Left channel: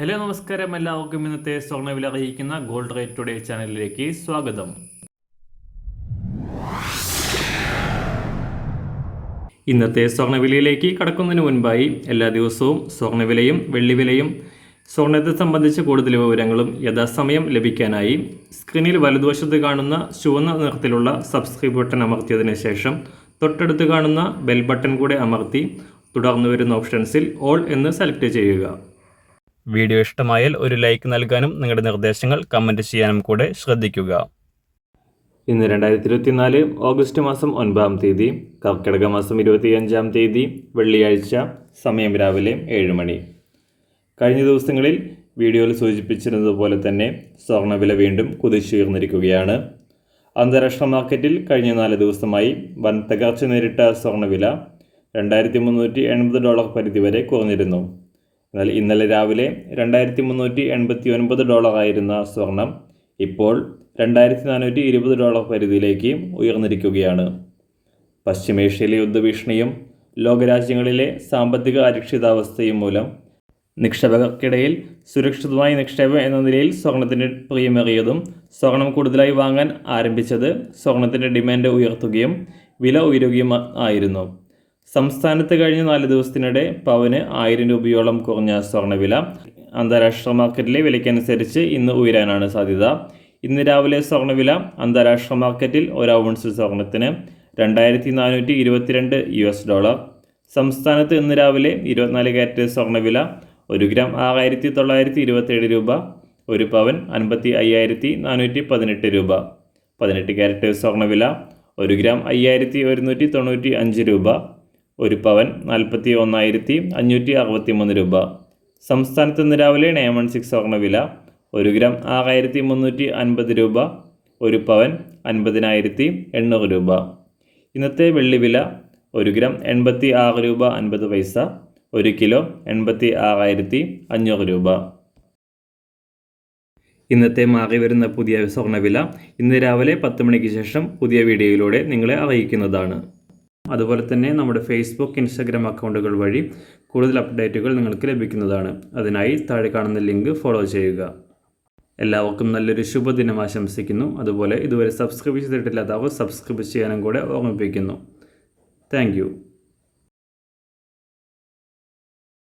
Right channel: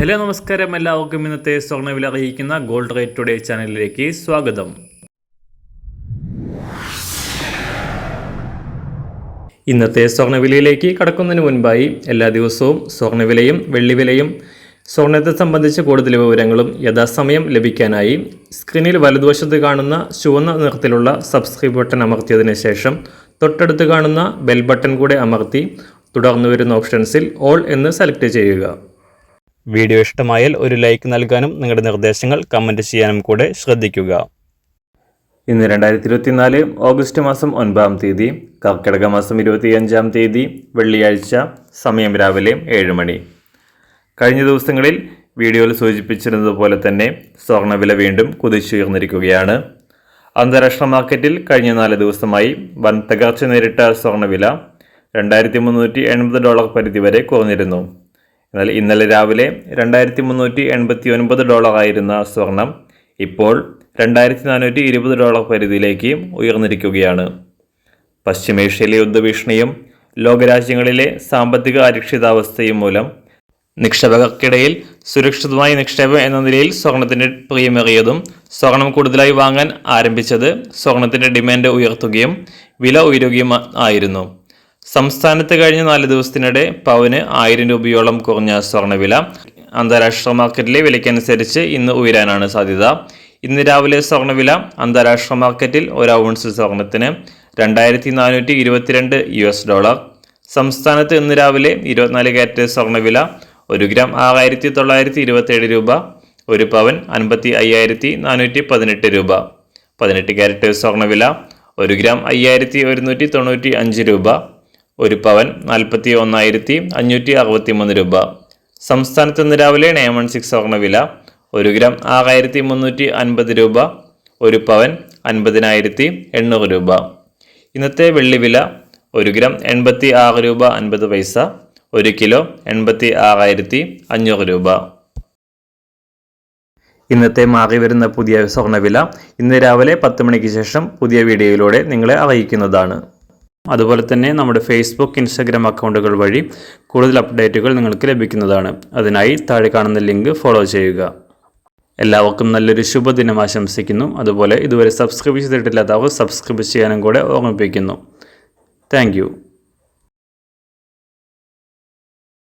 Hello നമസ്കാരം, എല്ലാവർക്കും ഇന്നത്തെ സ്വർണ്ണവില അറിയിക്കുന്ന ഗോൾഡ് റേറ്റ് ടുഡേ ചാനലിലേക്ക് സ്വാഗതം. ഇന്നത്തെ സ്വർണ്ണവിലയിലേക്ക് കടക്കുന്നതിന് മുൻപായി എല്ലാ ദിവസവും സ്വർണ്ണവിലയും വെള്ളിവിലയും സ്വർണ്ണത്തെ സംബന്ധിച്ച കൂടുതൽ വിവരങ്ങളും യഥാസമയം ലഭിക്കാനായി സ്ക്രീനിൽ വലതുവശത്ത് കാണുന്ന ചുവന്ന നിറത്തിലുള്ള സബ്സ്ക്രൈബ് ബട്ടൺ അമർത്തിയതിനു ശേഷം തൊട്ടടുത്ത് കാണുന്ന ബെൽ ബട്ടൺ കൂടെ അമർത്തി തുടർന്ന് വരുന്ന ഓപ്ഷൻസിൽ ഓൾ എന്ന് സെലക്ട് ചെയ്യുക. വീഡിയോ ഇഷ്ടമായാൽ ഒരു ലൈക്ക് നൽകാനും നിങ്ങളുടെ നിർദ്ദേശങ്ങൾ കമൻറ്റ് ചെയ്യാനും കൂടെ ശ്രദ്ധിക്കുക. ഇന്ന് 2024 ഓഗസ്റ്റ് മാസം 9-ാം തീയതി, കർക്കിടക മാസം 25-ാം തീയതി, വെള്ളിയാഴ്ച. സമയം രാവിലെ 7 മണി. കഴിഞ്ഞ ദിവസങ്ങളിൽ വീഡിയോയിൽ സൂചിപ്പിച്ചിരുന്നതുപോലെ തന്നെ സ്വർണ്ണവില വീണ്ടും കുതിച്ചുയർന്നിരിക്കുകയാണ്. അന്താരാഷ്ട്ര മാർക്കറ്റിൽ കഴിഞ്ഞ 4 ദിവസമായി വൻ തകർച്ച നേരിട്ട സ്വർണ്ണവില $2380 പരിധി വരെ കുറഞ്ഞിരുന്നു. എന്നാൽ ഇന്നലെ രാവിലെ $2389 ആയിരുന്ന സ്വർണം ഇപ്പോൾ $2420 പരിധിയിലേക്ക് ഉയർന്നിരിക്കുകയാണ്. പശ്ചിമേഷ്യയിലെ യുദ്ധഭീഷണിയും ലോകരാജ്യങ്ങളിലെ സാമ്പത്തിക അരക്ഷിതാവസ്ഥയും മൂലം നിക്ഷേപകർക്കിടയിൽ സുരക്ഷിതമായ നിക്ഷേപം എന്ന നിലയിൽ സ്വർണത്തിൻ്റെ പ്രിയമേറിയതും സ്വർണം കൂടുതലായി വാങ്ങാൻ ആരംഭിച്ചത് സ്വർണത്തിൻ്റെ ഡിമാൻഡ് ഉയർത്തുകയും വില ഉയരുകയും ആയിരുന്നു. സംസ്ഥാനത്ത് കഴിഞ്ഞ 4 ദിവസത്തിനിടെ പവന് 1000 രൂപയോളം കുറഞ്ഞ സ്വർണ്ണവില അന്താരാഷ്ട്ര മാർക്കറ്റിലെ വിലയ്ക്കനുസരിച്ച് ഇന്ന് ഉയരാനാണ് സാധ്യത. ഇന്ന് രാവിലെ സ്വർണ്ണവില അന്താരാഷ്ട്ര മാർക്കറ്റിൽ 1 ഔൺസ് സ്വർണത്തിന് $2422. സംസ്ഥാനത്ത് ഇന്ന് രാവിലെ 24 കാരറ്റ് സ്വർണ്ണവില 1 ഗ്രാം 6927 രൂപ, 1 പവൻ 55,418 രൂപ. 18 കാരറ്റ് സ്വർണ്ണവില 1 ഗ്രാം 5195 രൂപ, 1 പവൻ 41,563 രൂപ. സംസ്ഥാനത്ത് ഇന്ന് രാവിലെ 916 സ്വർണ്ണവില 1 ഗ്രാം 6350 രൂപ, 1 പവൻ 50,800 രൂപ. ഇന്നത്തെ വെള്ളിവില 1 ഗ്രാം 86 രൂപ 50 പൈസ, 1 കിലോ 86,500 രൂപ. ഇന്നത്തെ മാറി വരുന്ന പുതിയ സ്വർണ്ണവില ഇന്ന് രാവിലെ 10 മണിക്ക് ശേഷം പുതിയ വീഡിയോയിലൂടെ നിങ്ങളെ അറിയിക്കുന്നതാണ്. അതുപോലെ തന്നെ നമ്മുടെ ഫേസ്ബുക്ക്, ഇൻസ്റ്റാഗ്രാം അക്കൗണ്ടുകൾ വഴി കൂടുതൽ അപ്ഡേറ്റുകൾ നിങ്ങൾക്ക് ലഭിക്കുന്നതാണ്. അതിനായി താഴെ കാണുന്ന ലിങ്ക് ഫോളോ ചെയ്യുക. എല്ലാവർക്കും നല്ലൊരു ശുഭദിനം ആശംസിക്കുന്നു. അതുപോലെ ഇതുവരെ സബ്സ്ക്രൈബ് ചെയ്തിട്ടില്ലാത്തവർ സബ്സ്ക്രൈബ് ചെയ്യാനും കൂടെ ഓർമ്മിപ്പിക്കുന്നു. താങ്ക്